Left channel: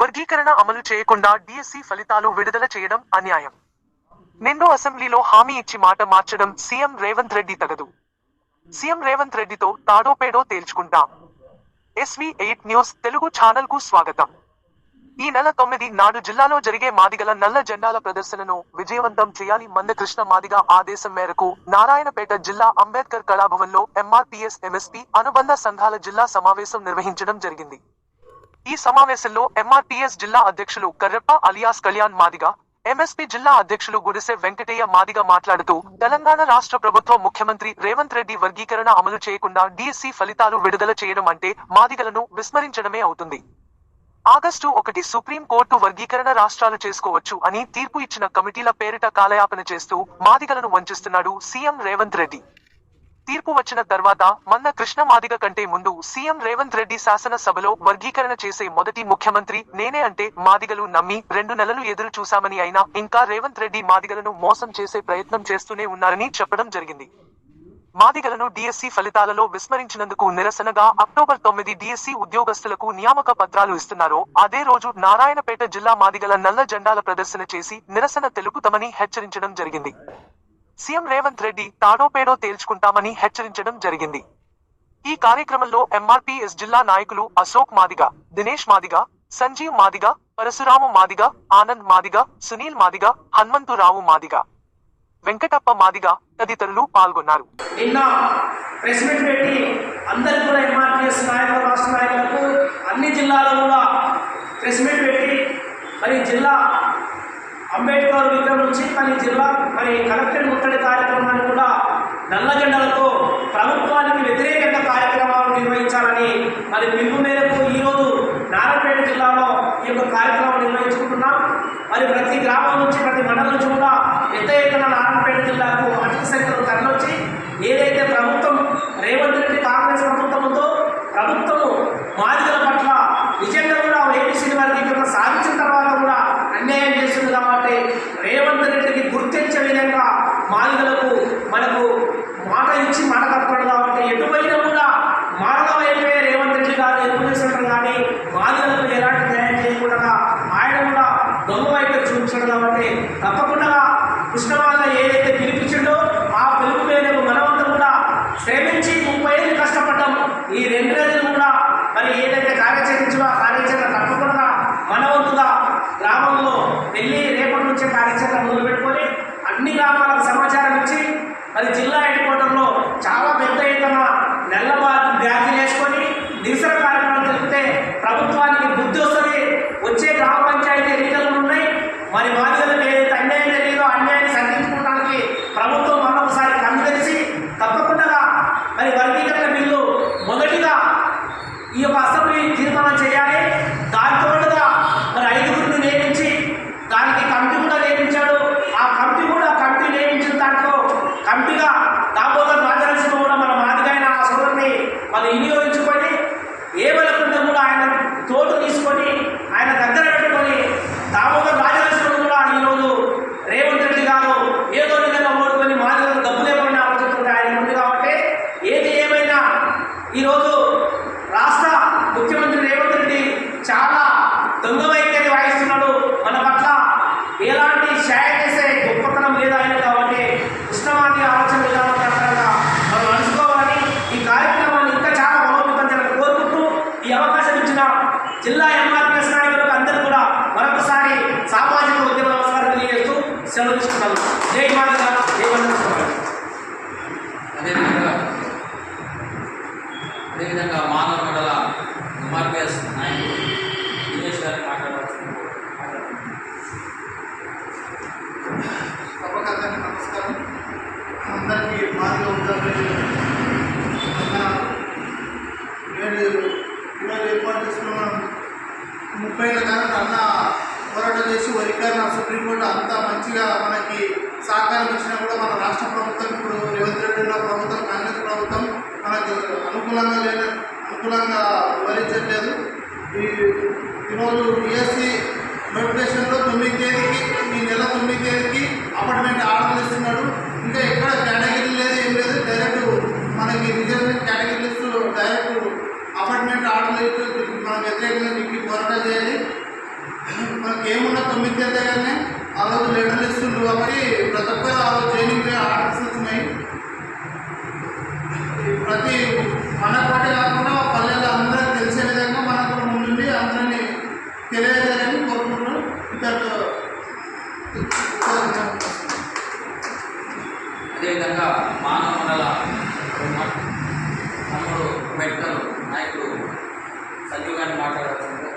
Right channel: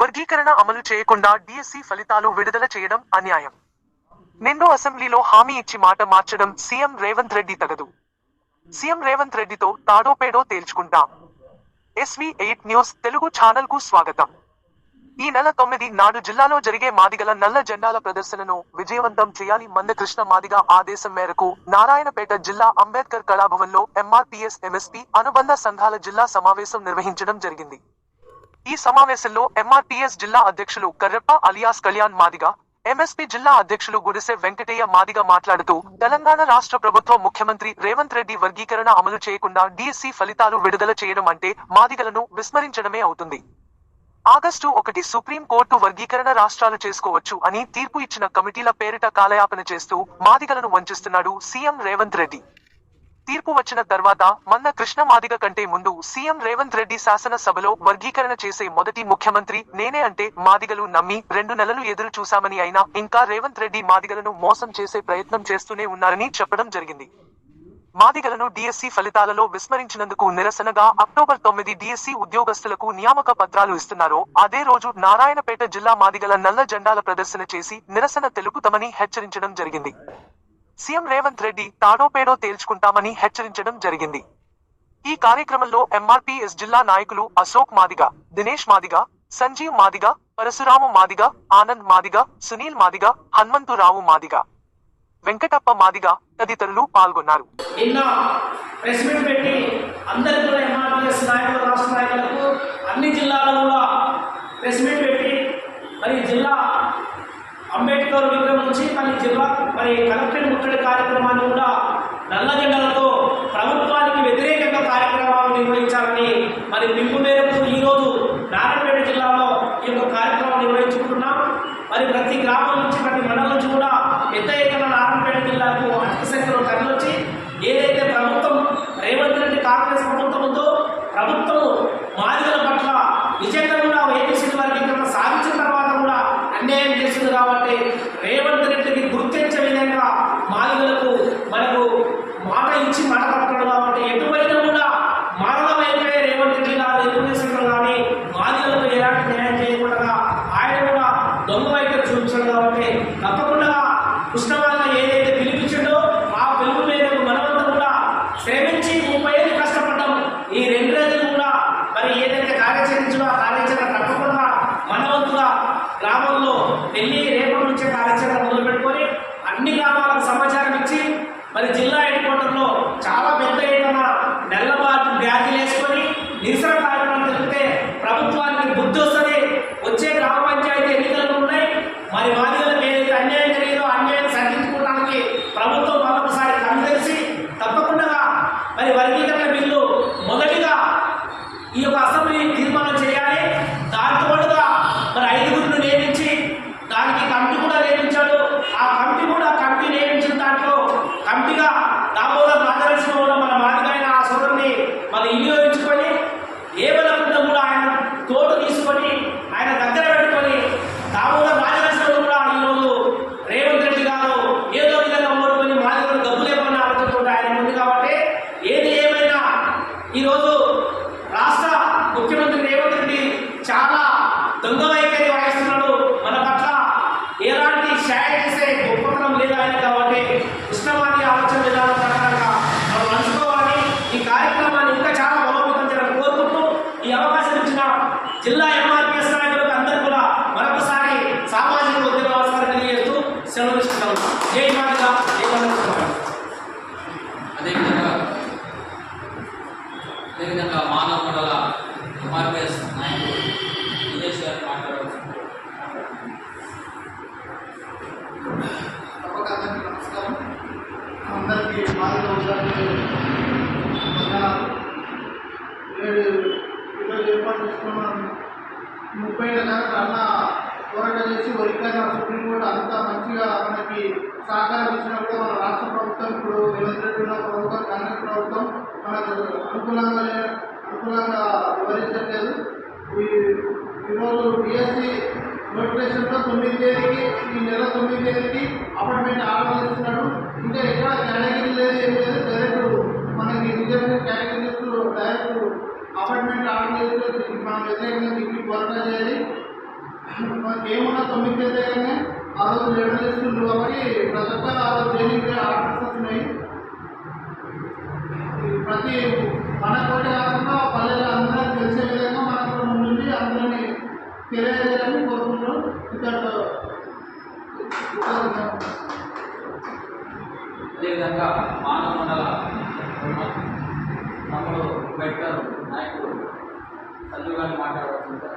వర్గీకరణ అమలు చేయకుండా డిఎస్సి ఫలితాలు విడుదల చేయడం అన్యాయం. నిండు అసెంబ్లీలో హామీ ఇచ్చి మాట మార్చడం సీఎం రేవంత్ రెడ్డి తగదు. సీఎం రేవంత్ రెడ్డితో తాడోపేడో తేల్చుకుంటాం. ఎస్వి ఎయిట్ న్యూస్ తెలుగు ఛానల్కు స్వాగతం. ఈ నెల తొమ్మిది నాడు జిల్లాలో జరిగే మాదిగల నల్ల జెండాల ప్రదర్శనను విజయవంతం చేయాలి మందకృష్ణ మాదిగ ఆదేశం మేరకు నారాయణపేట జిల్లా అంబేద్కర్ కళాభవన్లో ఎంఆర్పీఎస్ ఎంఎస్పీ అనుబంధ సంఘాల జిల్లా సమావేశం నిర్వహించడం జరిగింది. ఈ సమావేశంలో ఎంఆర్టీఎస్ జిల్లా అధ్యక్షులు కర్రెప్ప అలియాస్ కళ్యాణ్ మాదిగ ఎంఎస్పీ జిల్లా అధ్యక్షులు గుడిసె వెంకటయ్య మాదిగ మాట్లాడుతూ తెలంగాణ రాష్ట్ర ప్రభుత్వం ముఖ్యమంత్రి రేవంత్ రెడ్డి వర్గీకరణ అమలు చేయకుండా డిఎస్సి ఫలితాలు విడుదల చేయడం అంటే మాదిగలను విస్మరించడమే అవుతుంది. ఆగస్టు ఒకటి సుప్రీం కోర్టు వర్గీకరణ రాష్ట్రాలు చేసుకోవచ్చు అని తీర్పు ఇచ్చిన కమిటీల పేరిట కాలయాపన చేస్తూ మాదిగలను వంచిస్తున్నాడు సీఎం రేవంత్ రెడ్డి. తీర్పు వచ్చిన తర్వాత మన్న కృష్ణ మాదిగ కంటే ముందు సీఎం రేవంత్ రెడ్డి శాసనసభలో వర్గీకరణ చేసే మొదటి ముఖ్యమంత్రి నేనే అంటే మాదిగలు నమ్మి రెండు నెలలు ఎదురు చూశామని అయినా ఇంకా రేవంత్ రెడ్డి మాదిగలను మోసం చేసే ప్రయత్నం చేస్తూనే ఉన్నారని చెప్పడం జరిగింది. మాదిగలను డిఎస్సి ఫలితాలలో విస్మరించినందుకు నిరసనగా అక్టోబర్ తొమ్మిది డిఎస్సి ఉద్యోగస్తులకు నియామక పత్రాలు ఇస్తున్నారో అదే రోజు నారాయణపేట జిల్లా మాదిగల నల్ల జెండాల ప్రదర్శన చేసి నిరసన తెలుపుతామని హెచ్చరించడం జరిగింది. సీఎం రేవంత్ రెడ్డి తాడోపేడో తేల్చుకుంటామని హెచ్చరించడం జరిగింది. ఈ కార్యక్రమంలో ఎంఆర్పీఎస్ జిల్లా నాయకులు అశోక్ మాదిగ దినేష్ మాదిగ సంజీవ్ మాదిగ పరశురాము మాదిగ ఆనంద్ మాదిగ సునీల్ మాదిగ హనుమంతురావు మాదిగ. వెంకటప్ప మాదిగ తదితరులు పాల్గొన్నారు. నిన్న ప్రెస్ మీట్ పెట్టి కూడా నాయకులు రాష్ట్ర నాయకులకు అన్ని జిల్లాలో కూడా ప్రెస్ మీట్ పెట్టి మరి జిల్లా అంబేద్కర్ విగ్రహం నుంచి మరి జిల్లా మరి కలెక్టరేట్ ముట్టడి కార్యక్రమాన్ని కూడా నల్ల జెండలతో ప్రభుత్వానికి వ్యతిరేకంగా కార్యక్రమాలు నిర్వహించాలని మరి పిలుపు మేరకు ఈరోజు నారాయణపేట జిల్లాలో ఈ యొక్క కార్యక్రమం నిర్వహించుకుంటున్నాం. మరి ప్రతి గ్రామం నుంచి ప్రతి మండలం నుంచి కూడా పెద్ద ఎత్తున నారాయణపేట జిల్లాకు అధిక సంఖ్యలో తరలి ఏదైతే ప్రభుత్వం రేవంత్ రెడ్డి కాంగ్రెస్ ప్రభుత్వం ఉందో ప్రభుత్వం మాదిగల పట్ల నిజంగా కూడా ఏపీసీ వర్గీకరణ సాధించిన తర్వాత కూడా అన్యాయం చేస్తుంది కాబట్టి రేవంత్ రెడ్డికి గుర్తించే విధంగా మనకు మాట ఇచ్చి మాట తప్పడు కాబట్టి ఎటువైనా కూడా మారల వైపే రేవంత్ రెడ్డి గారు ఎదుర్కొనేసడం కానీ మాదిగలకు ఎలాంటి న్యాయం చేయకుండా ఆయన కూడా దొంగ వైపు చూపించడం కాబట్టి తప్పకుండా కృష్ణమాల ఏదైతే పిలిపించిండో ఆ పిలుపు మేరకు మనమంతా కూడా శ్రమించి ముప్పై ఏళ్ళు కష్టపడ్డాం. ఈ రెండు రోజులు కూడా మరి ఏదైతే కార్యాచరించో ఆ కార్యాచరణ తప్పకుండా మనవంతుగా గ్రామంలో వెళ్ళి కార్యాచరణ మొదలుపెట్టుకొని అన్ని గ్రామాలకు సమాచారం ఇచ్చి మరి జిల్లా హెడ్ క్వార్టర్లో చాలా పెద్ద ఎత్తున నెల్లబాటు బ్యాగులు వేసుకొని నిరసన కార్యక్రమం జరిగితే ప్రభుత్వానికి బుద్ధి వస్తుంది వచ్చే గ్రామ పంచాయతీ ఎన్నికలు కూడా ఉన్నాయి మరి మాదిగలకు ఏదైతే అన్యాయం జరిగిందో ఆ అన్యాయాన్ని సరిదిద్దుకోవడానికి ప్రభుత్వం మరొకసారి కన్ను తెరిచి తప్పకుండా మరి వర్గీకరణ బిల్లు మొదటిగా ఈ యొక్క అసెంబ్లీ తీర్మానం చేయాలి దాంతో పాటుగా మరి ఐదుగురిని నియమించి దానికి కమిటీ కూడా నియమించాడు ఆ కమిటీ కూడా కమిటీ నియమించిన దాంట్లో కమిటీగా దామోదర్ రాజలక్ష్మి కూడా మన మాదిగైన ఆ సోదరుని మళ్ళీ వినియోగించుకొని వెళ్ళకుండా కూడా ఆయన తోటు తీసుకొని ఆయన దగ్గర పెట్టుకొని తాము రాజలక్ష్మి కూడా ఈరోజు రేవంత్ రెడ్డి గారు ఏదో విధంగా ఓడుకొని మాదిగలు డబ్బు లేకుండా ఆలోచిస్తుంటే ఆయన ఉంది కాబట్టి ఏది ఏమైనా ఈరోజు రాష్ట్ర ముఖ్యమంత్రి రేవంత్ రెడ్డి చాలా దొంగ వైఖరి వాయిస్తున్నాడు. మన పట్ల ఎలాంటి షాయ చేసే గొప్పతనం లేదు ఆయన కాబట్టి కృష్ణమాది ఆలోచన విధానం ప్రకారంగా మనం నడుచుకోవాలని ఈ కార్యక్రమాన్ని ఇంకా చాలా బలోపేతం చేయాలని కోరుకుంటూ ఈ అవకాశం ఇచ్చిన జిల్లా ఎంఆర్పిఎస్ నాయకులకు అందరూ కూడా మరొకసారి సామాజిక ఉద్యమ నమస్కారం తెలియజేస్తూ సెలవు తీసుకున్నాను జై మాదిగా జై అదేవిధంగా అదేవిధంగా మానవ మండల ఎంఆర్పిఎస్ నాయకులు దినేష్ గారు మాట్లాడవచ్చు తప్పక అందరికీ నమస్కారం అందరికీ బాగా ఉదాహరణ వందనాలు నేడు ఈరోజు ఏర్పాటు చేసుకున్న ముప్పై ఏళ్ళ కాలం అన్న పోరాటం చేసి వరికరణ సుప్రీంకోర్టు అంత మంచిగా మనకి సహకారం ఇచ్చినా కూడా మన రాష్ట్ర ప్రభుత్వం ఇప్పుడు రేవంత్ రెడ్డి ఉన్న ప్రభుత్వం కాంగ్రెస్ ప్రభుత్వం మనకు అనుకూలంగా లేని అనుకూలంగా వివరించట్లేదు ఈ ఈరోజు బిఎస్సి నోటిఫికేషన్లో తొమ్మిది తేదీకి ఈ నెల తొమ్మిది తేదీకి అపార్ట్మెంట్ ఆర్డర్ ఇస్తున్నాడు ఇంకా ఎక్కడ కేటగిరీ లేదు ఏం లేదు డైరెక్ట్ మనకి reserve category list direct apartment order మనం వ్యతిరేకంగా దీనికి పోరాటం చేయాలి. మనకి ఏమున్నా తొమ్మిది తేదీ కానీ ఆ రోజు లెటర్లు ఇస్తుండ్రు కాబట్టి ప్రతి ఒక్కరు ఆ ప్రతి మనకు బట్టి కాకుండా పల్లెల్లో అందరికి తెలిసే విధంగా మనకు కూడా ముందుండి అందరినీ తెలియజేయాలని కోరుకుంటున్నాం. ఇతరుతో అదేవిధంగా మానవ మండల తమ్ముడు అంబేద్కర్ నాయకుడు సంజీవ్ గారిని మాట్లాడవలసిందిగా